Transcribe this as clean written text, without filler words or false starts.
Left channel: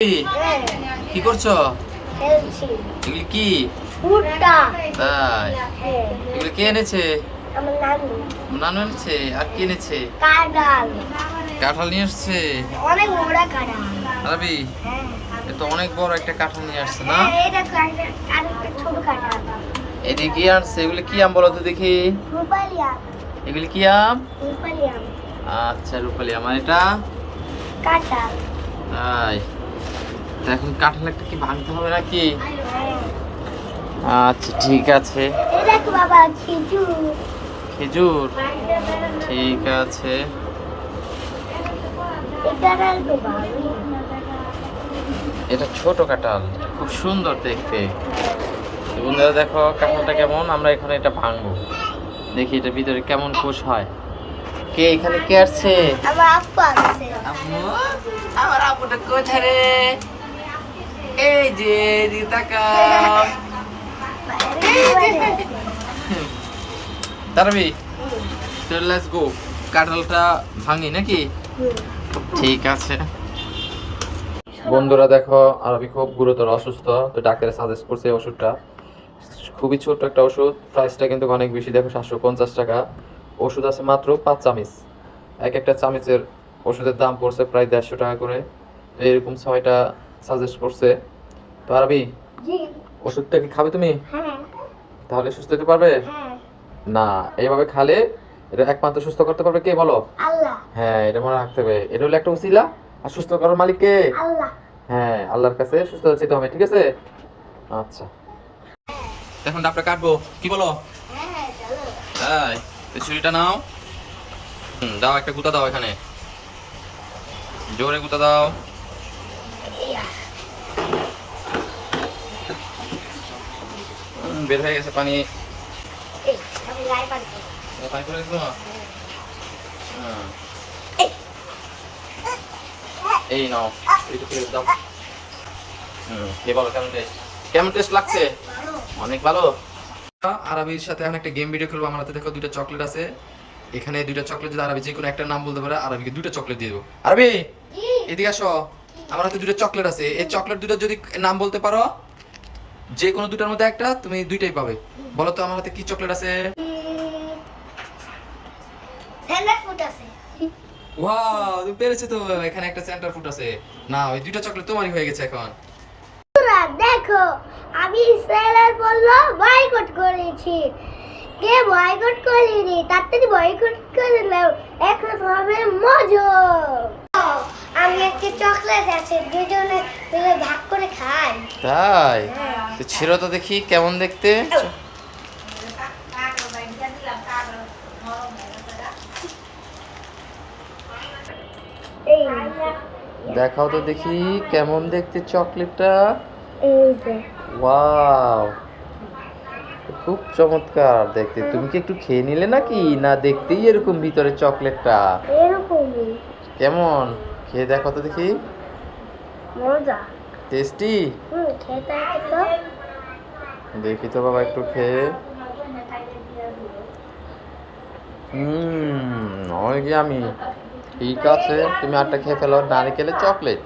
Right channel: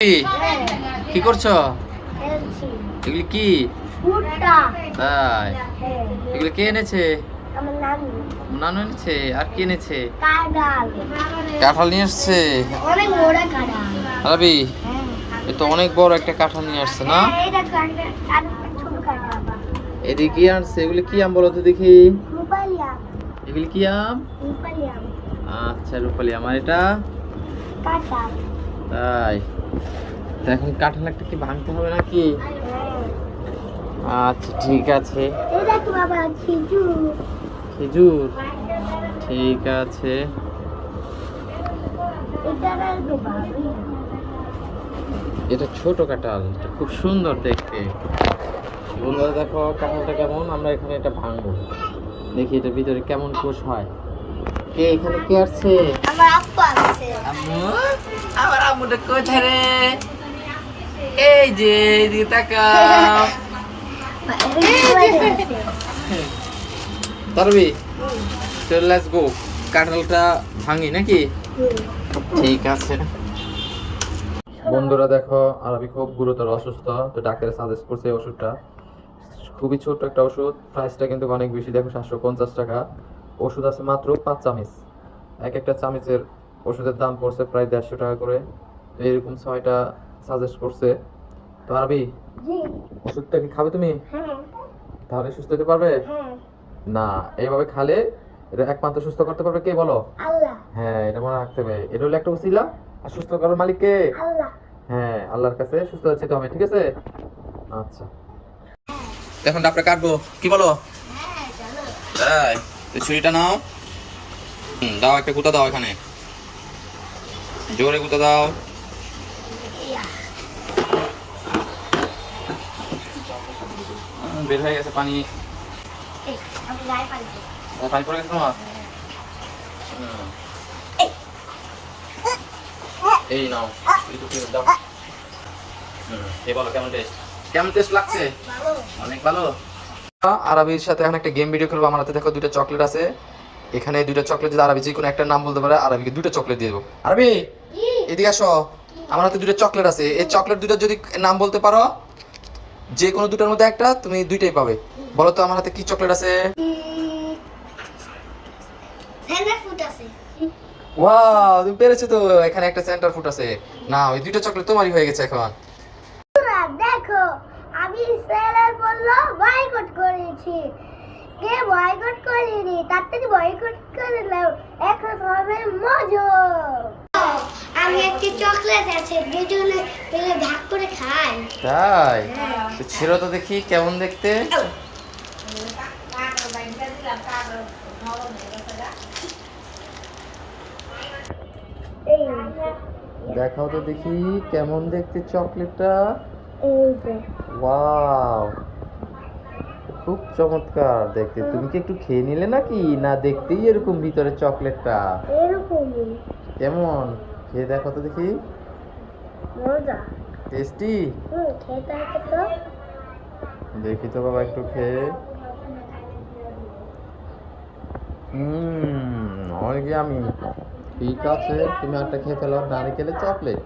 কি করছো? খেলছি। এগুলি কি? ভুট্টা। তাই? হ্যাঁ। এগুলি কে এনেছে? আমার নানু। নানু এনেছে। আর কি এনেছে? কাঁঠাল। কাঁঠাল নিয়ে আসছে। অনেক বড় কাঁঠাল। রাবি, হ্যাঁ। এ তো অনেক বড় একটা কাঁঠাল নিয়ে আসছে না? হ্যাঁ, এটা কাঁঠাল, আরেকটা ছোট কাঁঠাল। এদিকে কি আনছে? এগুলি কি আম বলো তো দেখি? রূপালি আম। এগুলি কি আম? রূপালি আম। আচ্ছা, রূপালি আম। আর এটা? কাঁঠাল। তাই? তা এখন কাঁঠাল একটা কি ভাঙতে হবে নাকি? হ্যাঁ। আচ্ছা, ঠিক আছে। এই দেখো বাবা, খেজুর। খেজুর? ঠিক আছে। এই কাঁঠাল তো ভালোই। এটা ছোট কাঁঠাল, এটা খুব সুন্দর দেখতে। তো বন্ধুরা দেখো কাঁঠালটা কেমন। আমরা এখানে এটা ভাঙবো, দেখি এটা ভিতরে কেমন কোষ হয়। কে এখানে কে আসছে? আমার আব্বু আছে। আম্মু? আমার আম্মুটা কোথায় রে? এই যে, এদিকে তাকাও। তারবি, চল লেটস গো। কাঁঠালটা ভাঙি নাকি? ঠিক আছে। বন্ধুরা দেখো, আরবি খুব গুরুতর অসুস্থ, তো ডাক্তার সাজেস্ট করছে এই ওষুধটা। খুবই ছোট একটা ওষুধ, প্রাইসটা কিন্তু অনেক বেশি, দেখো 750 টাকা। ওষুধ আছে মাত্র 5 চামচ। এক একটা চামচের ওষুধের দাম পড়ছে প্রায় 150 টাকা করে। তো এরকম 6টা সাজেস্ট করছে। তো আরবি, জি। ওষুধটা কি খাবে তুমি? হ্যাঁ। তাহলে সুস্থ হতে পারবে? হ্যাঁ। না, এইভাবে খালে এটা একমাত্র সুস্থ করতে পারবে কে বলো? আল্লাহ। হ্যাঁ, এটা মনে রাখতে হবে। এটা হলো একটা উসিলা, আর সুস্থ করার মালিক কে? আল্লাহ। হ্যাঁ, আল্লাহর কাছে সুস্থ হতে হবে, ঠিক আছে? আচ্ছা, এখন ডাবটা কাটবো, কি বলো? হ্যাঁ, চলো। তাই? তো ছুরিটা নাও। দাও, একটা গুতা দাও, এখানে জোরে গুতা দাও। বের হয়ে গেছে পানি। এই, আমি গায়ে পানি দিই। পানি পড়ে গেছে তোমার? এই নাও, একটু ফেরত দাও। কে বলো কেমন টেস্ট? কেমন টেস্ট লাগছে? ভালো। অনেক ভালো। আরবির সাথে এখন একটা গেম ভিডিও খেলবো। আমার হাতে দেখো 2টা চকলেট আছে। এখানে 2টা চকলেট যদি আরবি যে কোনো একটা নাম বলতে পারে, আরবিকে 2টা চকলেট দিয়ে দেবো। আরবি, এদিকে আসো। আমার হাতে 2টা চকলেট আছে, এই চকলেট 2টা যদি নাম বলতে পারো, যে কোনো 2টার মধ্যে একটা, তুমি 2টাই পাবে। বলো তো আমার হাতে কি চকলেট আছে? সেন্টার ফুড আছে। ওয়াও, তুমি পেরেছো তো। এখানে একটা সেন্টার ফুড আছে। না, ওই 2টা চকলেট তোমারই হয়ে গেছে এখন। বন্ধুরা, দেখো, আমি সেলার বললো বয়কট করেছি। কে বয়কট করিনি, তাড়াতাড়ি বয়কট করে নাও, এখন হবে মজা। আমি একটা চকলেট আছে, দুজনে মিলে ভাগ করে খাই। তাই? তো ছিল তো দেখি কেমন দেখতে। এই দেখাও তো দেখি কেমন দেখতে চকলেটটা। এই যে। ওয়াও, খুব চমৎকার দেখতে। তুমি কি একটু খেয়ে নিলে নাকি, না দেখতেই এরকম ভিতরে চকলেটটা? এরকমই কেমন, খেয়ে দেখো তো দেখি। মজা। টেস্টি? খেতে দেখি তো বাবা একটু খেয়ে। অনেক আমি। ঠিক আছে, তুমি আরটা খেয়ে ফেলো, নারিকেলের চকলেট।